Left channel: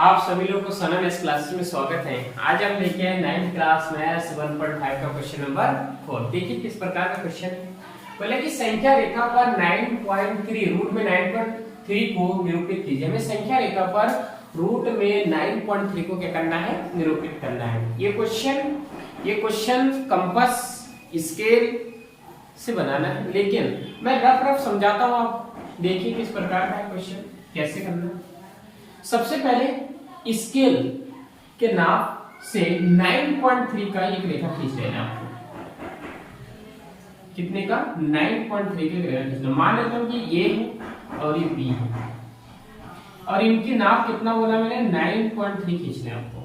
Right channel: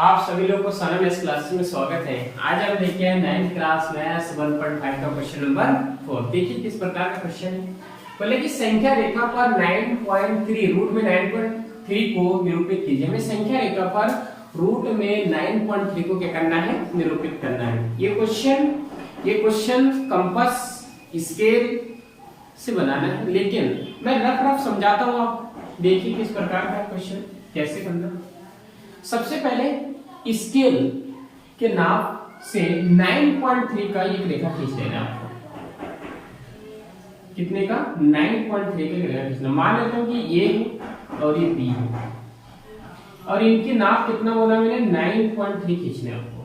आप सभी लोगों को सनम एस क्लासेस में स्वागत है। आज हम लेके आए 9th क्लास मैथ्स 1.5 का क्वेश्चन नंबर 4। देखिए किस प्रकार का क्वेश्चन है। पहले की संख्या रेखा पर 9.3 रूट में 9.3 को निरूपित कीजिए। हमें संख्या रेखा पर रूट में 9.3 को क्या करना है, निरूपित करना है। ये क्वेश्चन कंपास स्केल से बनाना है, लेकिन मैं रफ समझाता हूँ। आप देखिए किस प्रकार का क्वेश्चन कैसे करना है। सबसे पहले स्केल के नाप से 9.3 का एक रेखा खींच लेना है आपको। कितने का? 9.3 के रेखा खींचना। मान लेता हूं कि ये है और ये बी है और इनके नाप कितना बोला मैंने? 9.3 खींचना है आपको।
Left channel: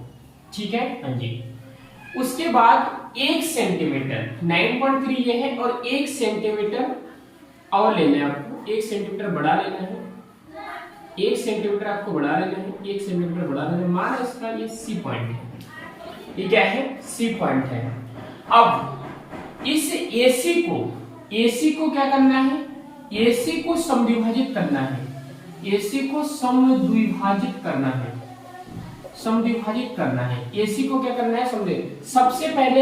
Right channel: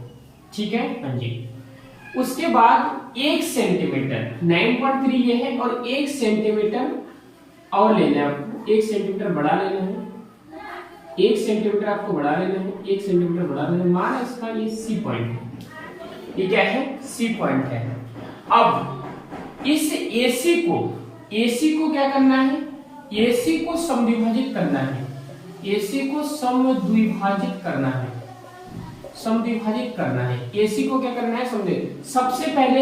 ठीक है, हाँ जी। उसके बाद 1 सेंटीमीटर, 9.3 ये है और 1 सेंटीमीटर और लेना है आपको। 1 सेंटीमीटर बढ़ा लेना है। 1 सेंटीमीटर आपको बढ़ा लेना है। 1 सेंटीमीटर बढ़ा लेना है। मान इसका ये सी पॉइंट है। ये क्या है? सी पॉइंट है। अब इस एसी को क्या करना है? एसी को समद्विभाजित करना है। एसी को समद्विभाजित करना है। समद्विभाजित करना है। एसी को क्या करना है? समद्विभाजित। सबसे पहले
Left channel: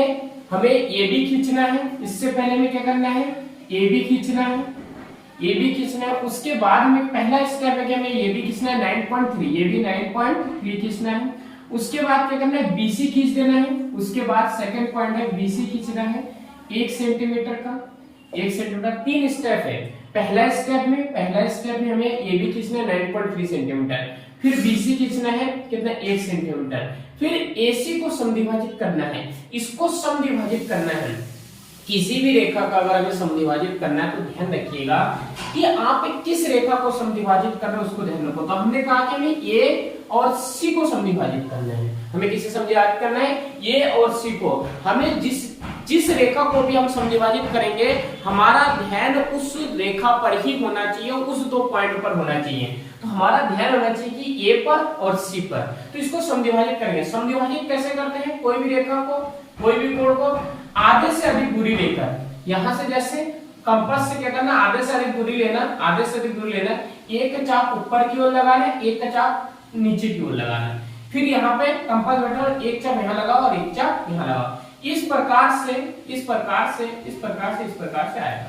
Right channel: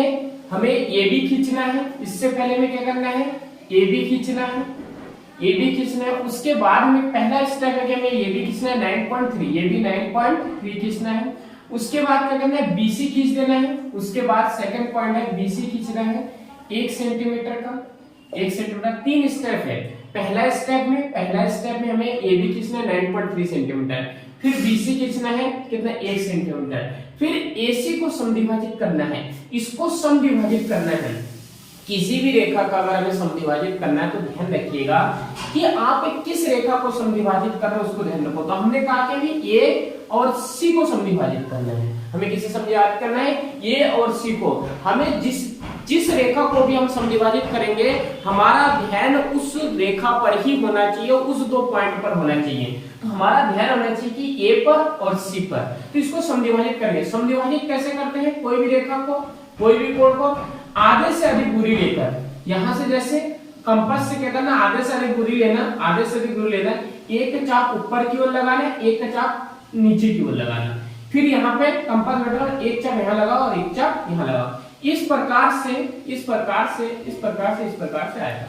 हमें एबी खींचना है। इससे पहले हमें क्या करना है? एबी खींचना है। ये भी खींचना है। उसके बाद में पहला स्टेप है कि हमें ये भी खींचना है 9.3, ये भी 9.3 खींचना है। उसके बाद क्या करना है? बीसी खींच देना है। उसके बाद सेकंड पॉइंट है बीसी खींचना है 1 सेंटीमीटर का। 1 सेंटीमीटर 3 स्टेप है। पहला स्टेप में हमें ए बी खींचना है 9.3 सेंटीमीटर, फिर बीसी खींचना है कितना? 1 सेंटीमीटर, फिर एसी को समद्विभाजित करना है। इसको समद्विभाजित करना है। किसी भी रेखा का अगर हमें समद्विभाजित करना है तो ध्यान रखिएगा कि आप किस रेखा को समद्विभाजित करना है उसको ध्यान रखो। तो हमने कहा कि हमें ए और सी को समद्विभाजित करना है। हमें किसे समद्विभाजित करना है? ए और सी को। हमें जिस रेखा को भी हम समद्विभाजित करेंगे हमारा ध्यान उस रेखा पर ही होना चाहिए, उस 2 पॉइंट पर होना चाहिए। तो हमारा ध्यान होना चाहिए कि ए पर और सी पर। तो इसको समद्विभाजित करेंगे। समद्विभाजित कैसे करते हैं? कोई भी रेखा को, कोई भी कोण को आधे से अधिक दूरी लेकर, यहां से जैसे कंपास से क्या करना? आधे से अधिक दूरी लेना। आधे से अधिक दूरी लेना। एक चाप ऊपर की ओर लगाना, एक चाप नीचे की ओर लगाना। फिर यहाँ पे कंपास बैठा और एक चाप यहाँ लगाओ और एक चाप यहाँ लगाओ। इस प्रकार से आएगा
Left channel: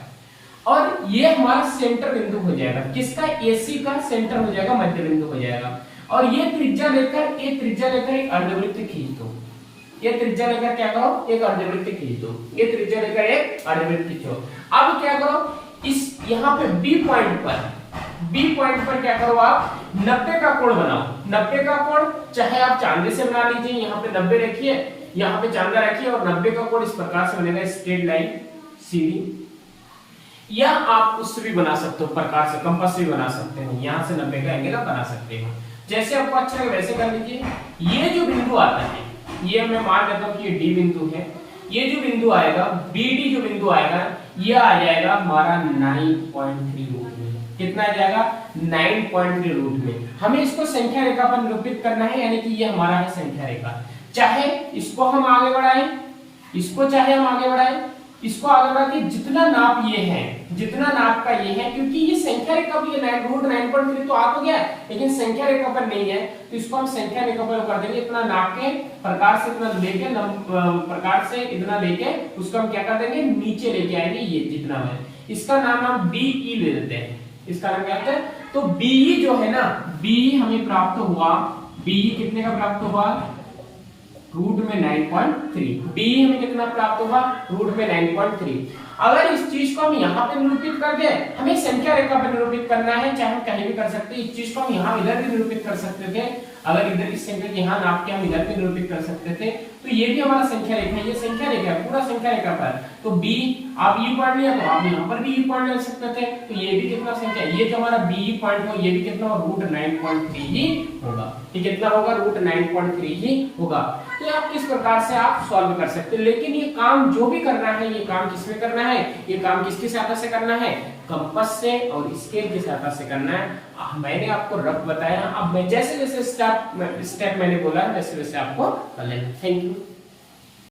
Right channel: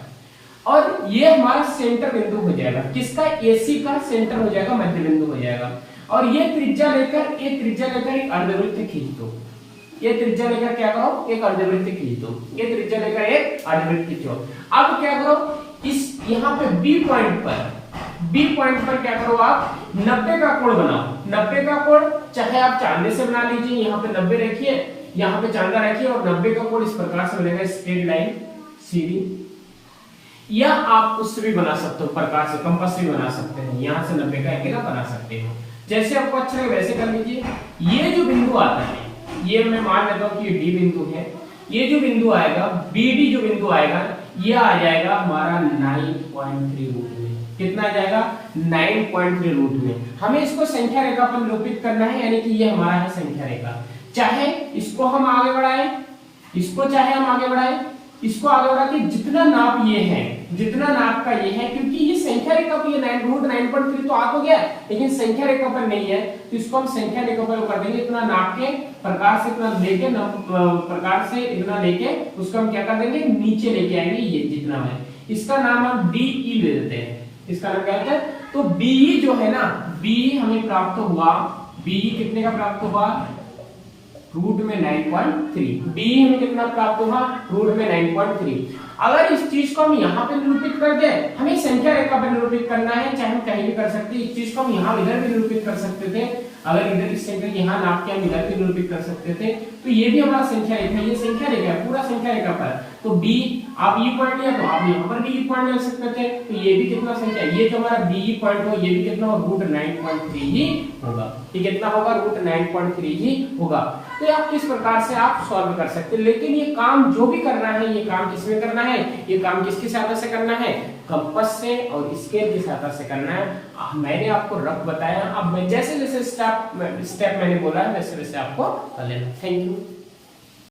और ये हमारा सेंटर बिंदु हो जाएगा। किसका? एसी का सेंटर हो जाएगा, मध्य बिंदु हो जाएगा। और ये त्रिज्या लेकर एक अर्धवृत्त खींच दो। ये त्रिज्या लेकर क्या करो? एक अर्धवृत्त खींच दो। ये त्रिज्या लेकर एक अर्धवृत्त खींचो। अब क्या करो? इस यहाँ पे बी पॉइंट पर क्या करो? आप 90 का कोण बनाओ। 90 का कोण चाहे आप चांदे से बना लीजिए। यहाँ पे 90 रखिए, यहाँ पे चांदा रखिए और 90 का कोण इस प्रकार से बनेगा, स्ट्रेट लाइन सीधी। या आप उससे भी बना सकते हो, प्रकार से कंपास से भी बना सकते हैं। यहाँ से 90 का एंगल बना सकते हो। जैसे आपको अच्छा लगे वैसे कर लीजिए। ये जो बिंदु आता है, ये मैं मान लेता हूं कि ये डी बिंदु है। ये जो बिंदु आएगा, बीडी जो बिंदु आएगा, ये आ जाएगा हमारा 9.3 रूट में। कितना आ जाएगा? 9.3 रूट में। हमें इसको संख्या रेखा पर निरूपित करना है, यानी कि ये हमारा है संख्या रेखा। चाहे इसको हम आगे बढ़ाएं, इसको आगे बढ़ा के जितना नाप ये है, जितना नाप का ये है, क्योंकि ये संख्या रेखा पर ये 9.3 तो आ तो गया, लेकिन संख्या रेखा पर नहीं है, तो इसको हम संख्या रेखा पर कर देंगे। इतना नाप के प्रकार से इतना लेके उसको हम क्या कर देंगे? नीचे लेके आएंगे। ये जितना है इसका नाम हम डीई ले देते हैं। इसका नाम क्या है? तो बीई जो है ना, बीई हमें प्राप्त हुआ। बीई कितने का प्राप्त हुआ? रूट में 9.3। बी हमें कितना प्राप्त हुआ? रूट में 9.3। अगर इस चीज को हम यहाँ पे निरूपित कर दे, हमें संख्या रेखा पर निरूपित करना है, चाहे हम कहीं भी कर सकते हैं। इस चीज को हम यहाँ इधर भी निरूपित कर सकते थे। अगर इधर इस संख्या यहाँ नाप के हम इधर भी निरूपित कर सकते थे, तो ये भी हमारा संख्या रेखा है। ये संख्या रेखा है, पूरा संख्या रेखा पर। तो बी आप ई पॉइंट लिया तो आप यहाँ पर भी ई पॉइंट ले सकते थे। तो ये भी कितना संख्या, ये जो हमारा बी पॉइंट हो, ये भी कितना हो? रूट 9.3 ही होगा। ये कितना होगा? रूट 9.3 ही होगा। तो आप किस प्रकार से आप सॉल्व कर सकते हैं। लेकिन ये काम जो भी करना है, ये काम किसमें करना है? ये काम किसकी सहायता से करना है? कंपास से और स्केल की सहायता से करना है। मैंने आपको रफ बताया। अब मैं जैसे जैसे स्टेप मैंने बोला है वैसे वैसे आपको कर लेना। Thank you.